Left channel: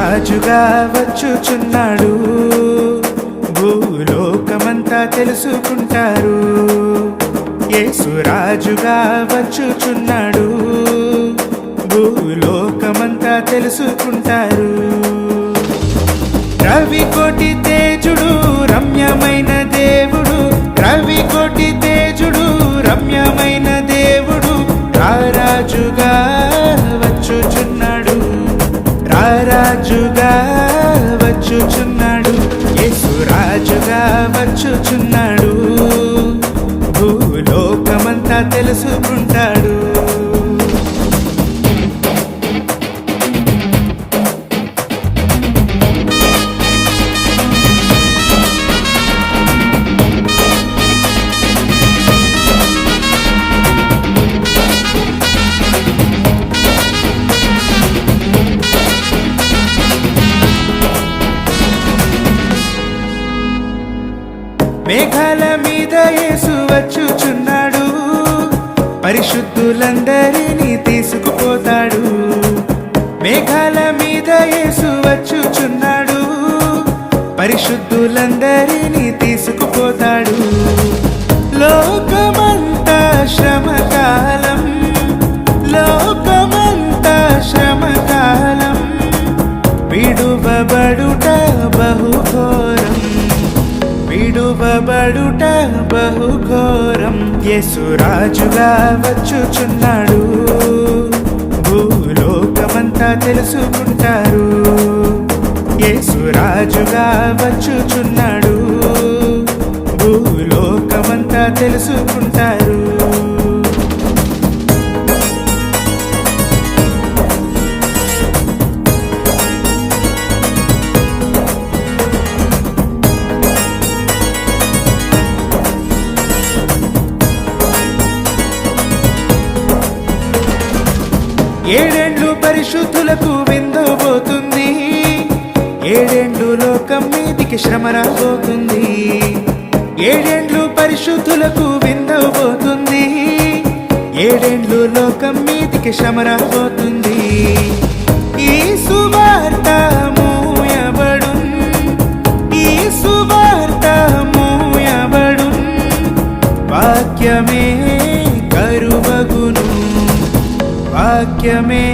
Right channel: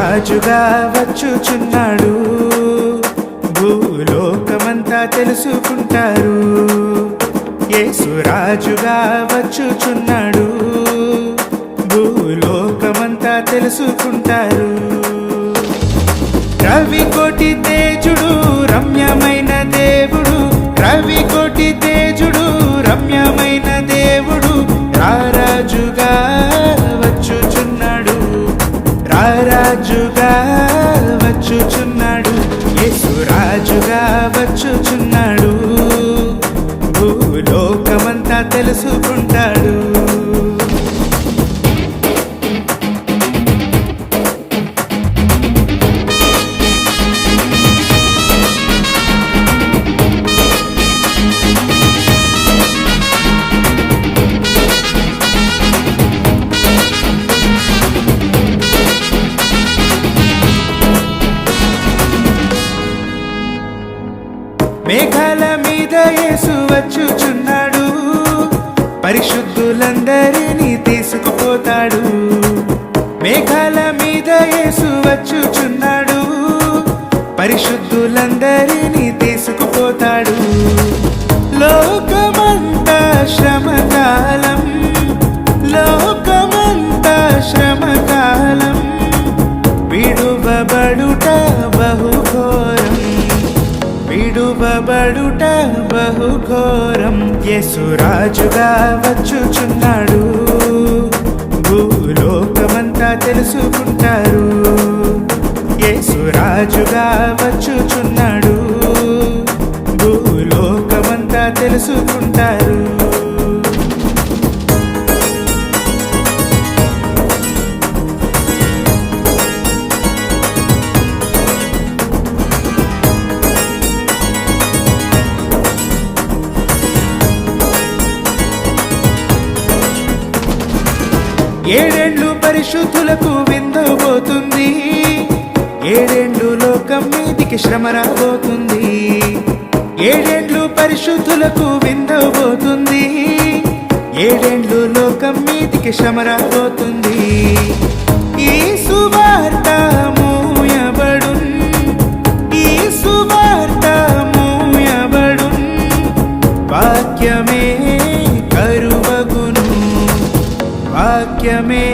రాజుగా వచ్చుచున్నాడు, భూలోకమంతా తెలుసుకుంటారు. యేసు రాజుగా వచ్చుచున్నాడు, భూలోకమంతా తెలుసుకుంటారు. రవికోటి తేజుడు రమ్యమైన దేవుడు, రవికోటి తేజుడు రమ్యమైన దేవుడు, రారాజుగా వచ్చుచున్నాడు, రారాజుగా వచ్చుచున్నాడు. యేసు రాజుగా వచ్చుచున్నాడు, భూలోకమంతా తెలుసుకుంటాడు. మేఘాల మీద యేసు వచ్చుచున్నాడు, పరిశుద్ధులందరినీ తీసుకుపోతాడు. మేఘాల మీద యేసు వచ్చుచున్నాడు, పరిశుద్ధులందరినీ తీసుకుపోతాడు. లోకమంతా శ్రమకాలం, లోకమంతా శ్రమకాలం, విడువబడుట బహుఘోరం, విడువబడుట బహుఘోరం. యేసు రాజుగా వచ్చుచున్నాడు, భూలోకమంతా తెలుసుకుంటారు. యేసు రాజుగా వచ్చుచున్నాడు, భూలోకమంతా తెలుసుకుంటారు. ఏడేండ్లు పరిశుద్ధులకు విందబోతుంది, ఏడేండ్లు లోకం మీదికి శ్రమ రాబోతుంది. ఏడేండ్లు పరిశుద్ధులకు విందబోతుంది, ఏడేండ్లు లోకం మీదికి శ్రమ రాబోతుంది. ఈ సువార్త మూయబడున్, ఈ సువార్త మూయబడున్, వాక్యమే కరువగును, వాక్యమే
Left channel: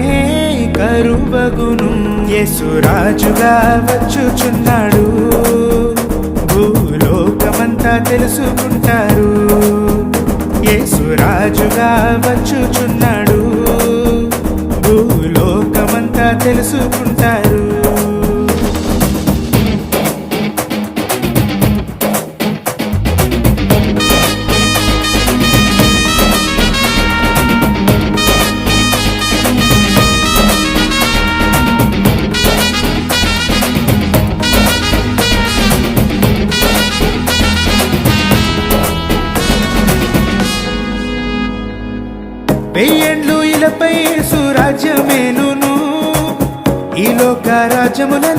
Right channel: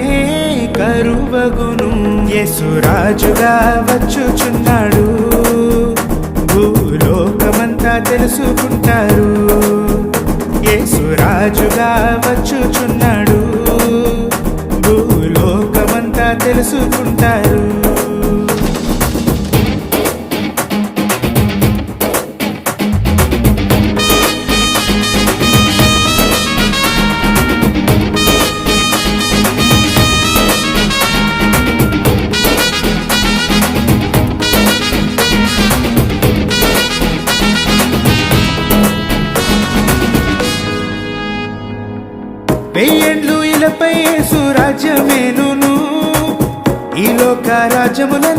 కరువగును. యేసు రాజుగా వచ్చుచున్నాడు, భూలోకమంతా తెలుసుకుంటారు. యేసు రాజుగా వచ్చుచున్నాడు, భూలోకమంతా తెలుసుకుంటారు. వెయ్యేండ్లు ఇలపై యేసు రాజ్యమేలును, ఈ లోక రాజ్యములను